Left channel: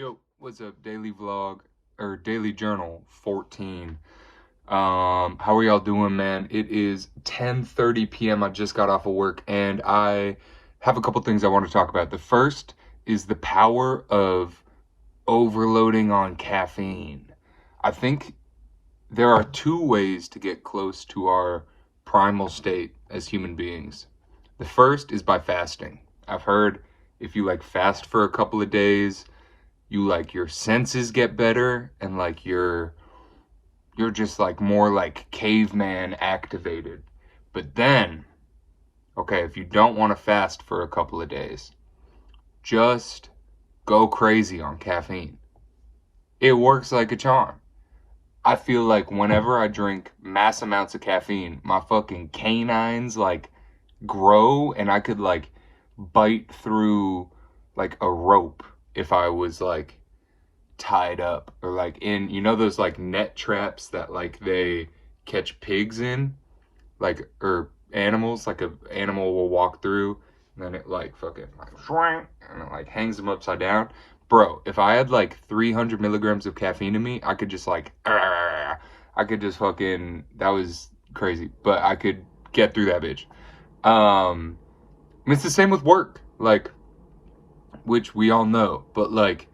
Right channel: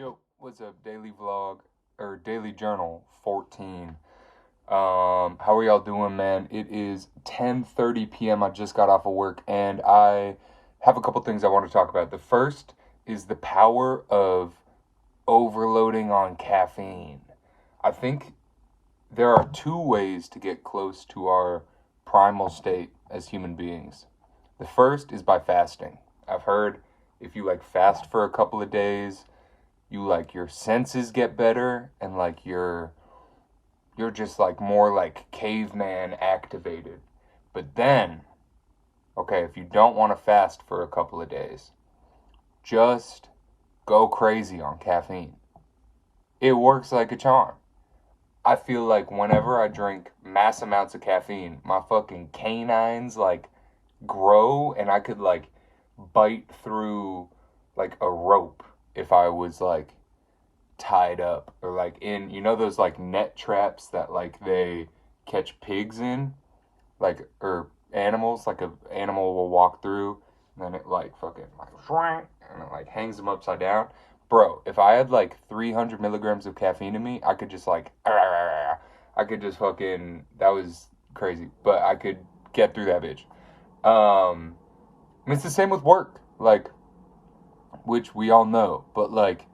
Yo, what's up? Daily vlog or daily journal 14. How are y'all doing, man? It is 10:30 p.m. I just got off of work and I have a couple things I want to talk about. The first is the power of overloading on caffeine. I think there are two ways to get close to our primal state as human beings. The first is by fasting. I've heard if you like fast for a couple of days, you like your senses get better and like you're just like more like caveman activated. But then, okay, if you don't want to fast for a couple of days, just go crazy on caffeine. It works like a charm. I feel like whenever I drink mass amounts of caffeine, my fucking canines like grow and I could like bite through like a rope if I was like tied up or like in those like net traps that like they catch pigs in, like, or animals, like a animal will walk through and then it like fucking like and it like hangs them upside down. Bro, if I had like 300 milligrams of caffeine in me, I could just like I could just fucking, that was crazy, but I could get through that bitch. And it's the same with work, like, which we all know, but like,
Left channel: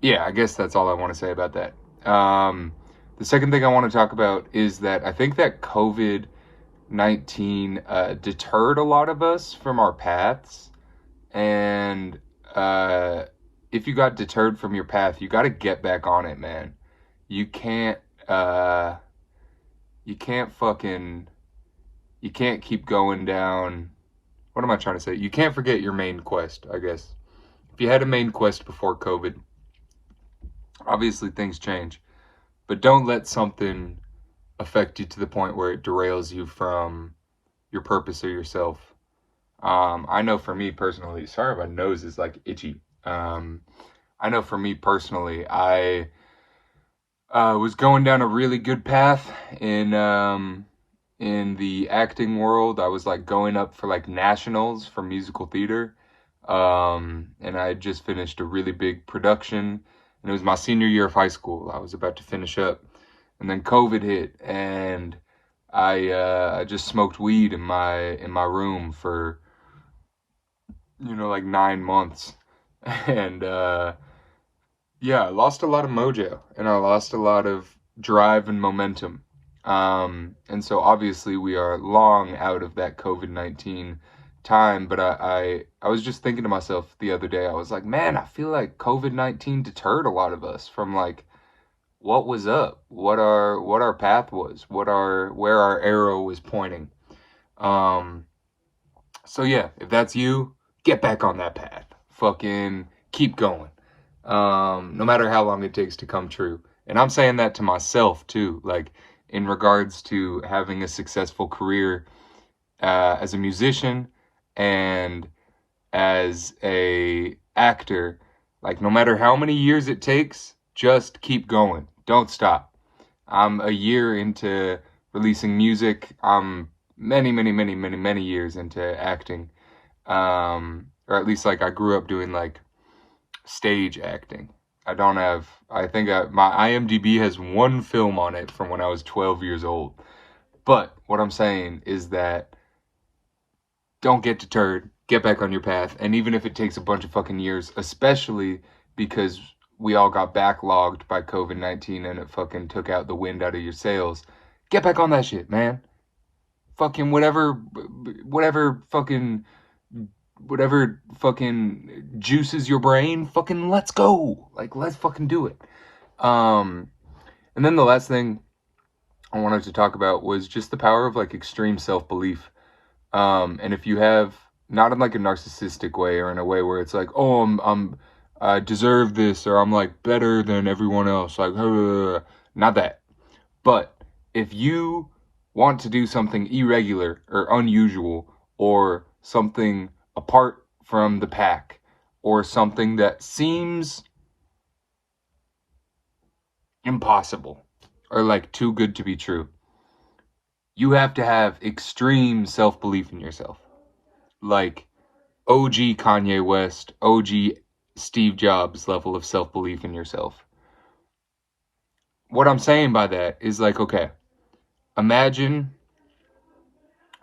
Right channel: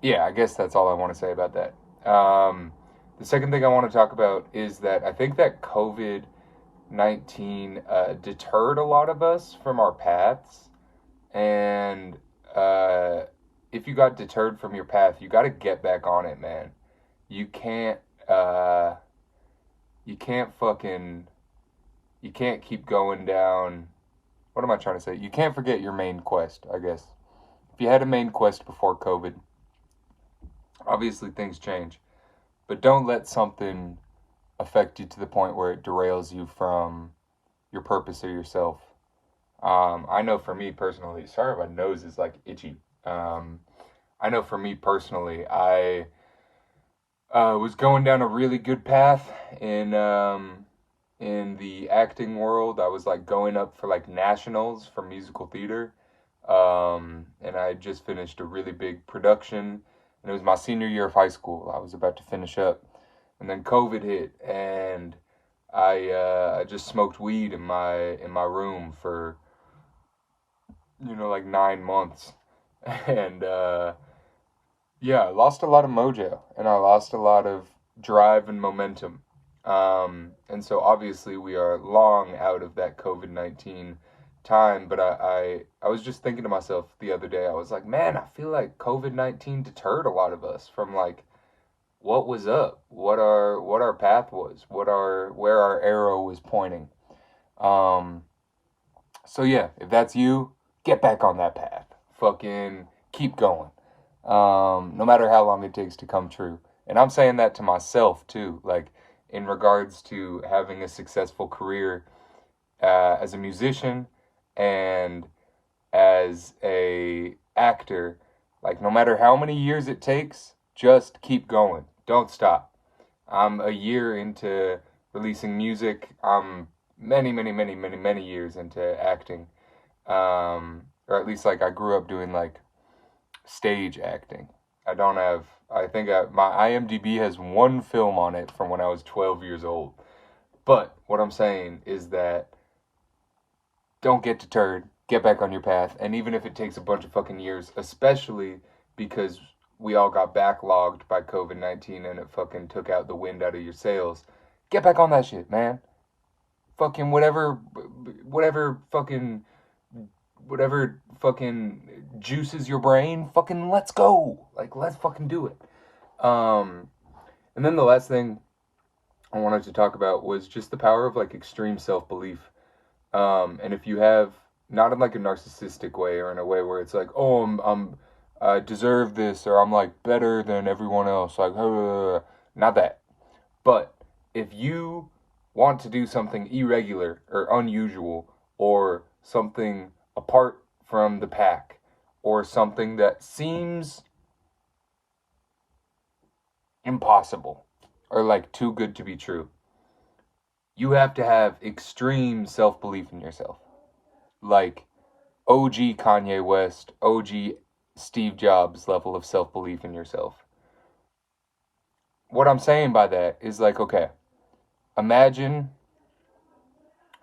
yeah, I guess that's all I want to say about that. The second thing I want to talk about is that I think that COVID-19 deterred a lot of us from our paths. And if you got deterred from your path, you got to get back on it, man. You can't, uh, you can't fucking, you can't keep going down. What am I trying to say? You can't forget your main quest, I guess. If you had a main quest before COVID, obviously things change. But don't let something affect you to the point where it derails you from your purpose or yourself. I know for me personally, sorry, my nose is like itchy. I know for me personally, I was going down a really good path in the acting world. I was like going up for like nationals for musical theater. And I had just finished a really big production, and it was my senior year of high school. I was about to finish up, and then COVID hit, and I just smoked weed in my room for like 9 months, and yeah, I lost a lot of mojo, and I lost a lot of drive and momentum. And so obviously we are long out of that COVID-19 time, but I was just thinking to myself the other day, I was like, man, I feel like COVID-19 deterred a lot of us from like what was up, what our path was, where our arrow was pointing. Um, so yeah, if that's you, get back on that path. Fucking keep going. No matter how long it takes to come true. And I'm saying that to myself too, like in regards to having a successful career as a musician and as a actor. Like no matter how many years it takes, just keep going. Don't stop. I'm a year into releasing music. I'm many years into acting. Or at least like I grew up doing like stage acting. I don't have. I think my IMDb has one film on it from when I was 12 years old. But what I'm saying is that don't get deterred. Get back on your path. And even if it takes a bunch of fucking years, especially because we all got backlogged by COVID-19 and it fucking took out the wind out of your sails, get back on that shit, man. Fucking whatever fucking whatever fucking juices your brain, fucking let's go. Like let's fucking do it. Um and then the last thing I wanted to talk about was just the power of like extreme self-belief. And if you have, not in like a narcissistic way or in a way where it's like, oh, I deserve this, or I'm like better than everyone else, like not that. But if you want to do something irregular or unusual or something apart from the pack or something that seems impossible or like too good to be true, you have to have extreme self-belief in yourself. Like OG Kanye West, OG Steve Jobs level of self-belief in yourself. What I'm saying by that is like, okay, imagine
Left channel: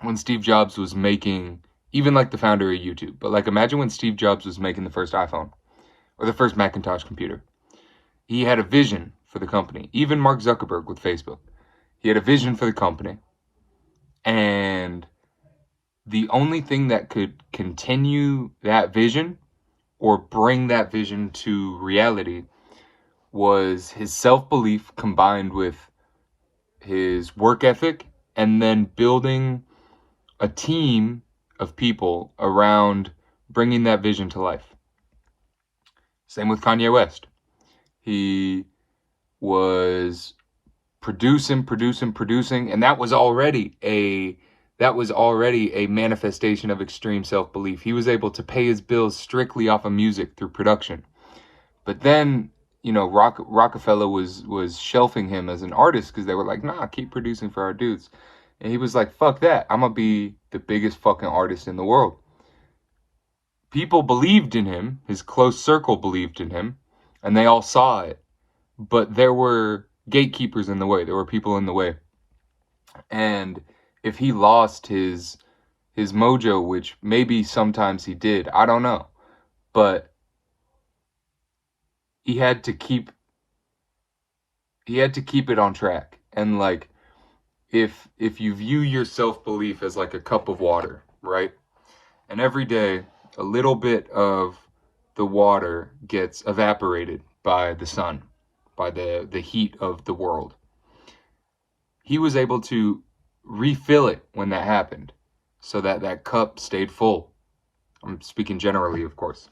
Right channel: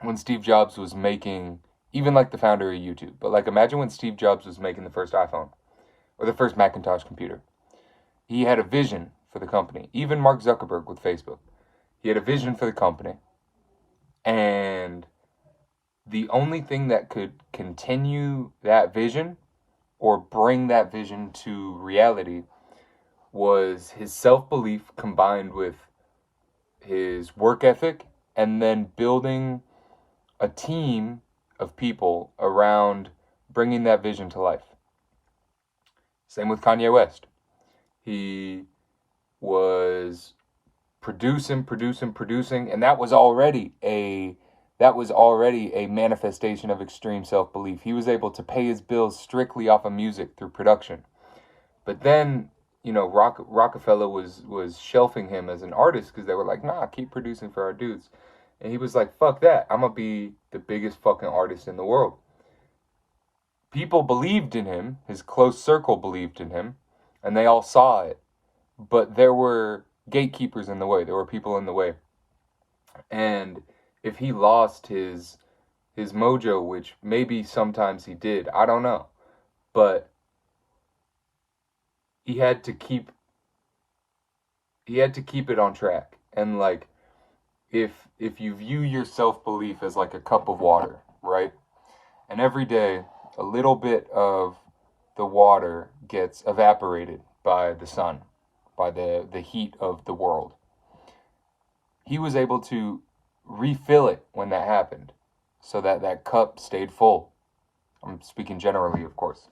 when Steve Jobs was making, even like the founder of YouTube, but like imagine when Steve Jobs was making the first iPhone or the first Macintosh computer. He had a vision for the company. Even Mark Zuckerberg with Facebook. He had a vision for the company. And the only thing that could continue that vision or bring that vision to reality was his self-belief combined with his work ethic and then building a team of people around bringing that vision to life. Same with Kanye West. He was producing, and that was already a manifestation of extreme self-belief. He was able to pay his bills strictly off of music through production. But then, Rockefeller was shelving him as an artist because they were like, nah, keep producing for our dudes. And he was like, fuck that. I'm gonna be the biggest fucking artist in the world. People believed in him, his close circle believed in him, and they all saw it. But there were gatekeepers in the way. There were people in the way. And if he lost his mojo, which maybe sometimes he did, I don't know, but he had to keep it on track. And like, if you view your self-belief as like a cup of water, right? And every day a little bit of the water gets evaporated by the sun, by the heat of the world. He was able to refill it when that happened, so that that cup stayed full. I'm speaking generally, of course.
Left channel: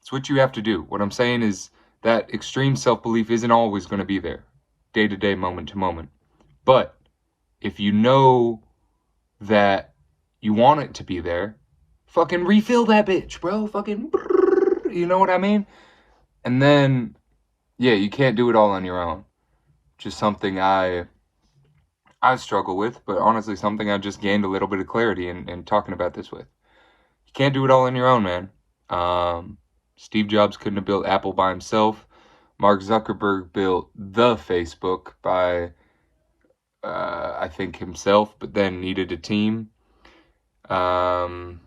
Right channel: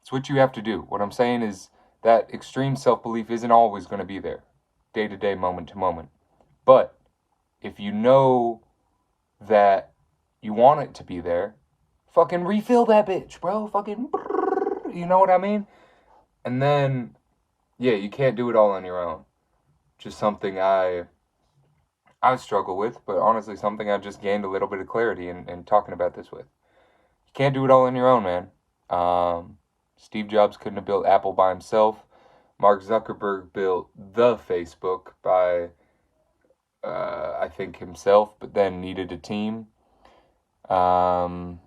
It's what you have to do. What I'm saying is that extreme self-belief isn't always going to be there, day to day, moment to moment. But if you know that you want it to be there, fucking refill that bitch, bro. Fucking, you know what I mean? And then, yeah, you can't do it all on your own. Just something I struggle with, but honestly something I just gained a little bit of clarity in talking about this with. You can't do it all on your own, man. Steve Jobs couldn't have built Apple by himself. Mark Zuckerberg built the Facebook by, I think, himself, but then needed a team. Kanye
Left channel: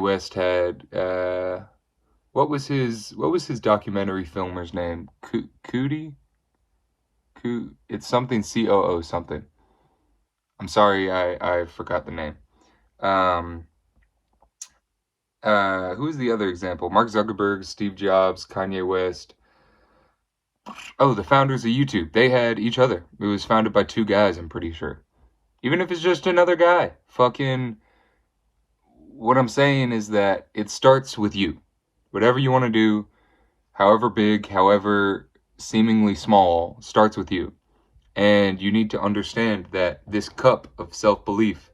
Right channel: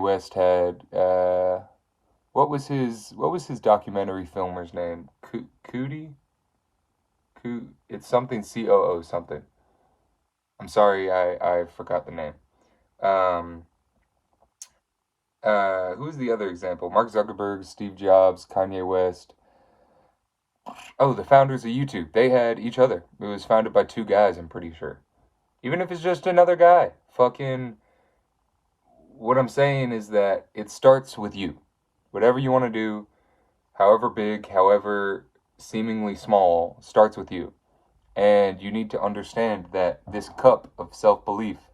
West had, what was his documentary filmer's name? Cootie? It's something COO something. I'm sorry, I forgot the name. Who's the other example? Mark Zuckerberg, Steve Jobs, Kanye West. Oh, the founders of YouTube. They had each other. It was founded by two guys, I'm pretty sure. Even if it's just another guy. Fucking, what I'm saying is that it starts with you. Whatever you want to do, however big, however seemingly small, starts with you. And you need to understand that this cup of self-belief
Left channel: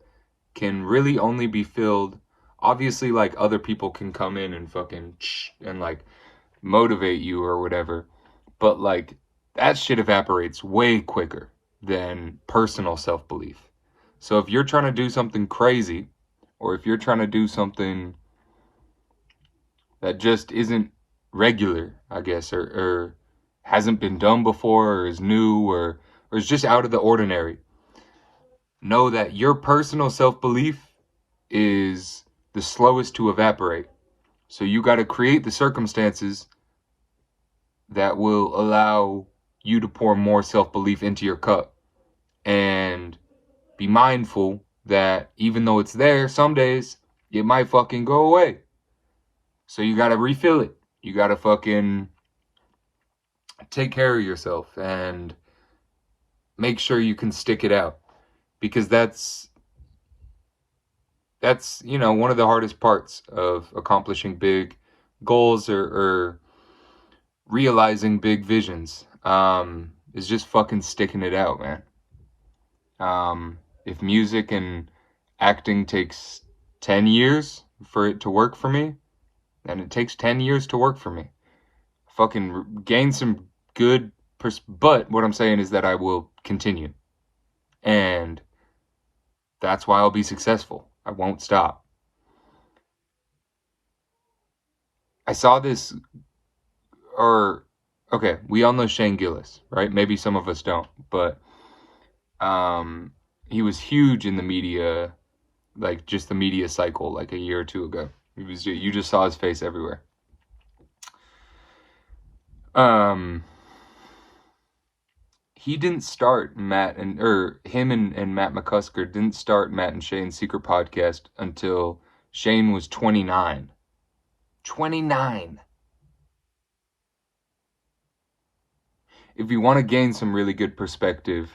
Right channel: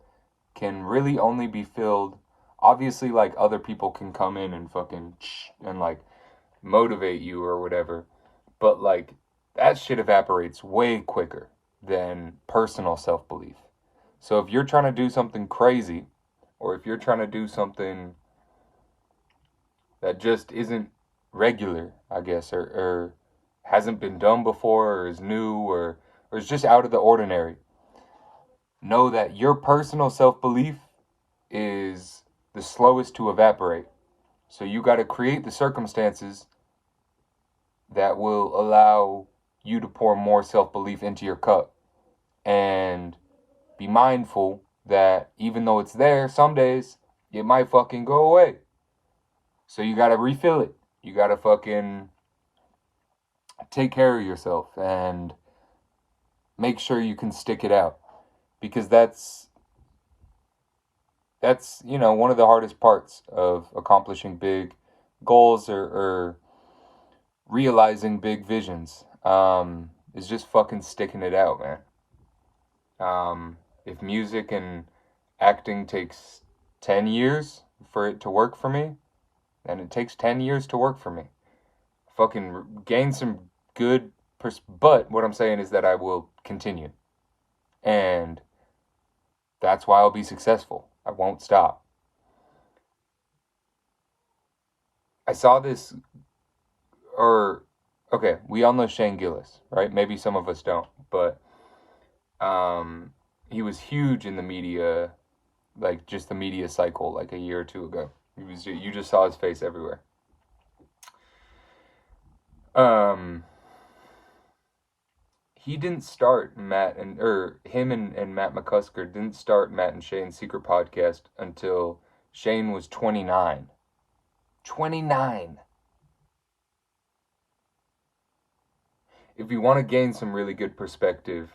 can really only be filled. Obviously, like, other people can come in and fucking and like motivate you or whatever, but like that shit evaporates way quicker than personal self-belief. So if you're trying to do something crazy, or if you're trying to do something that just isn't regular, I guess, or hasn't been done before, or is new, or is just out of the ordinary, know that your personal self-belief is the slowest to evaporate. So you got to create the circumstances that will allow you to pour more self-belief into your cup. And be mindful that even though it's there, some days it might fucking go away. So you got to refill it. You got to fucking take care of yourself and make sure you can stick it out. Because that's one of the hardest parts of accomplishing big goals or realizing big visions, is just fucking sticking it out, man. If music and acting takes 10 years for it to work for me, then it takes 10 years to work for me. Fucking gain some good but what I'm saying is that I will continue. And that's why I'll be successful. I won't stop. I saw this, or okay, we all know Shane Gillis, right? Maybe some of us don't, but he was huge in the media, like just the media cycle, like a year or two ago. You just saw his face everywhere. He didn't start him and Matt McCusker didn't start Matt and Shane's secret podcast until Shane was 29. 29. If you want to gain some really good perspective,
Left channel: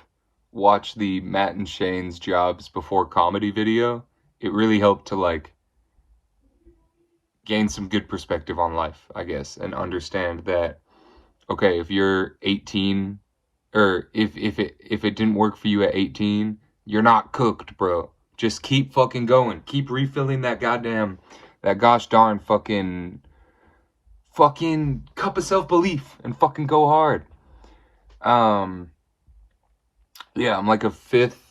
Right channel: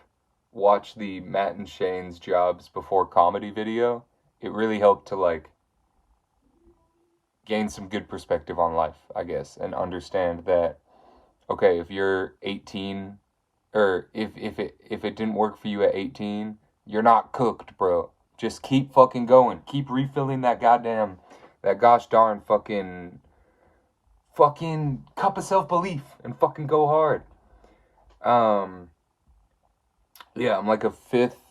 watch the Matt and Shane's Jobs Before Comedy video. It really helped to like gain some good perspective on life, I guess, and understand that, okay, if you're 18, or if it didn't work for you at 18, you're not cooked, bro. Just keep fucking going. Keep refilling that gosh darn fucking cup of self-belief and fucking go hard. Yeah, I'm like a fifth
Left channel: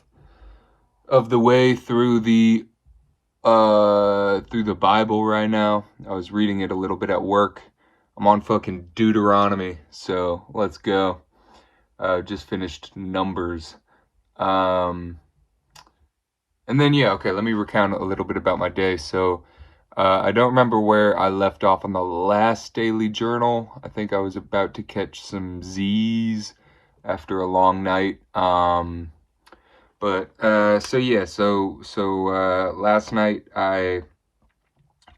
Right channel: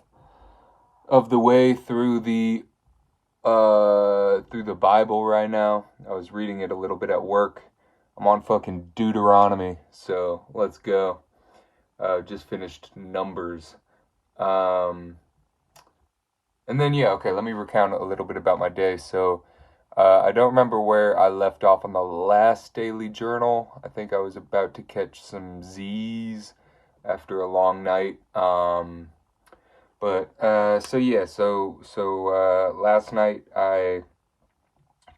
of the way through the Bible right now. I was reading it a little bit at work. I'm on fucking Deuteronomy, so let's go. Just finished Numbers. And then, yeah, okay, let me recount a little bit about my day. So, I don't remember where I left off on the last daily journal. I think I was about to catch some Z's after a long night. Last night I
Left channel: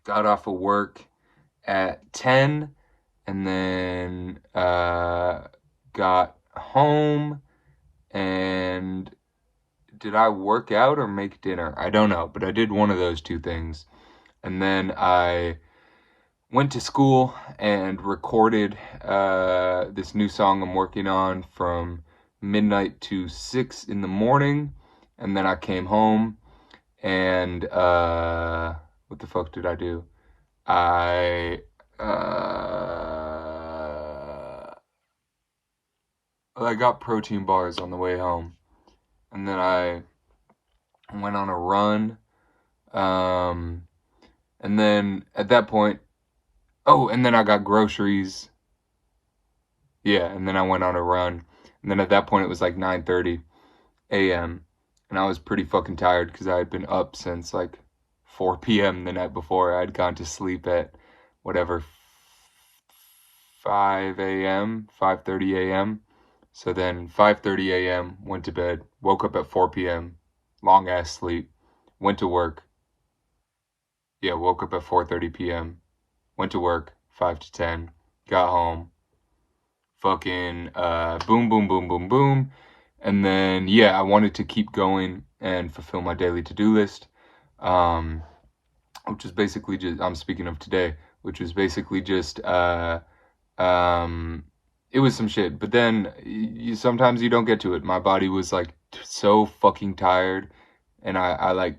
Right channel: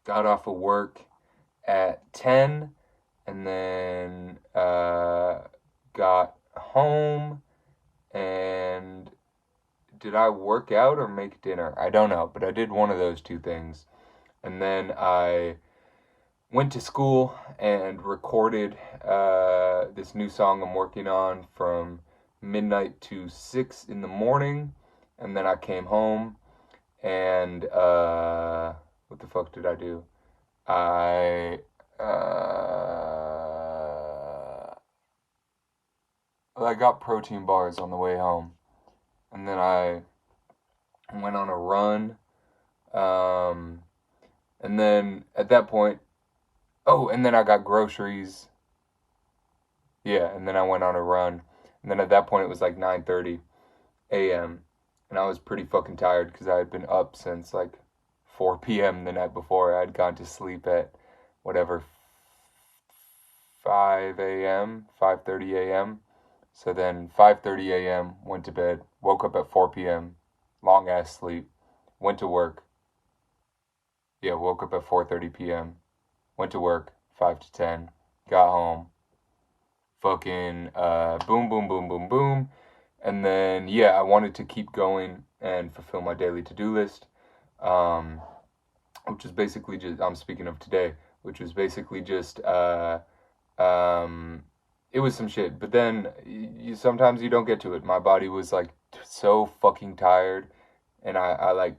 got off of work at 10, and then got home, and did I work out or make dinner? I don't know, but I did one of those two things. And then I went to school and recorded this new song I'm working on from midnight to 6 in the morning. And then I came home and what the fuck did I do? I got protein bars on the way home, and then I went on a run, and then at that point, and then I got groceries. Yeah, and then I went on a run, and then at that point it was like 9:30 a.m. and I was pretty fucking tired because I had been up since like 4 p.m. the night before. I'd gone to sleep at whatever 5 a.m., 5:30 a.m. So then 5:30 a.m., went to bed, woke up at 4 p.m., long ass sleep, went to work. Yeah, woke up at 4:30 p.m., went to work 5 to 10, got home, fucking boom, boom, boom, boom, boom. And then, yeah, I wanted to keep going and fulfill my daily to-do list, which is basically just, I'm speaking of today, which was basically just, it was some shit. But then sometimes you don't get to it. My body was like so fucking tired, and I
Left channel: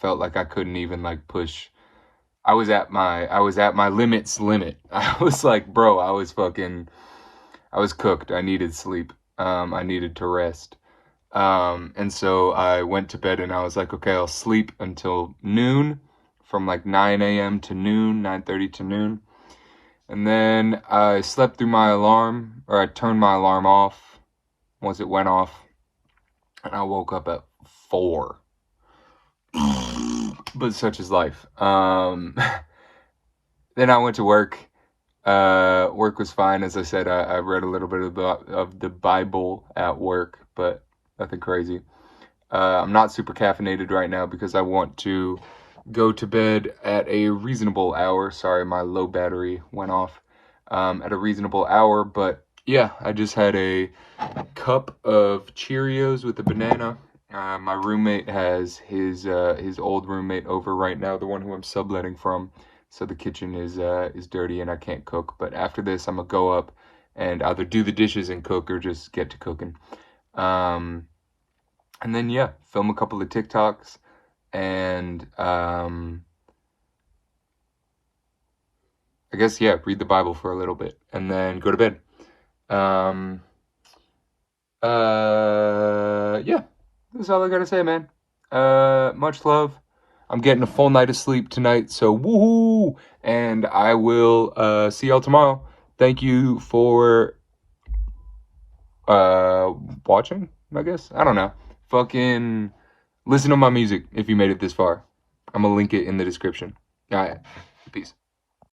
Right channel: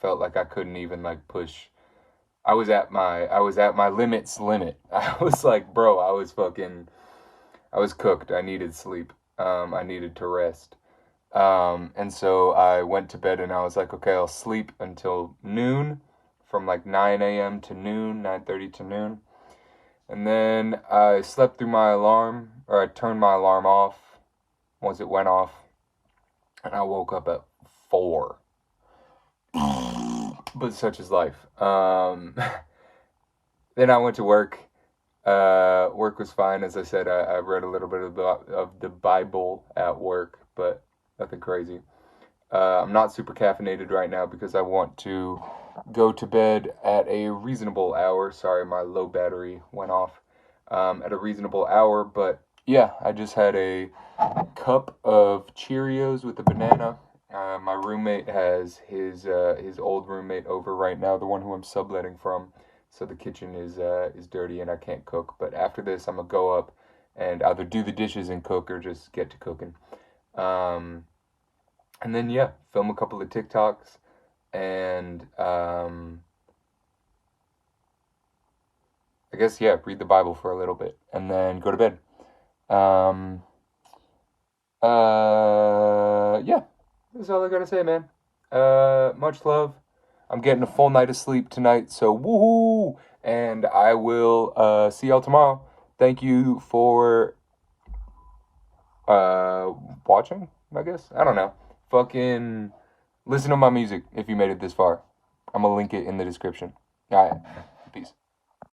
felt like I couldn't even like push. I was at my limit's limit. I was like, bro, I was cooked. I needed sleep. I needed to rest. And so I went to bed and I was like, okay, I'll sleep until noon, from like 9 a.m. to noon, 9:30 to noon. And then I slept through my alarm, or I turned my alarm off once it went off, and I woke up at 4. But such is life. Then I went to work. Work was fine. As I said, I read a little bit of the Bible at work, but nothing crazy. I'm not super caffeinated right now because I want to go to bed at a reasonable hour. Sorry, my low battery went off. At a reasonable hour, but yeah, I just had a cup of Cheerios with a banana. My roommate has his old roommate over right now, the one who I'm subletting from. So the kitchen is dirty and I can't cook. But after this, I'm gonna go up and either do the dishes and cook or just get to cooking. And then yeah, film a couple of TikToks and I guess yeah, read the Bible for a little bit and then go to bed. Yeah, that's all I gotta say, man. Much love. I'm getting a full night of sleep tonight, so woohoo! and I will see y'all tomorrow. Thank you for watching, I guess. I don't know. Fucking listen to my music if you made it this far. I'm gonna link it in the description. All right, peace.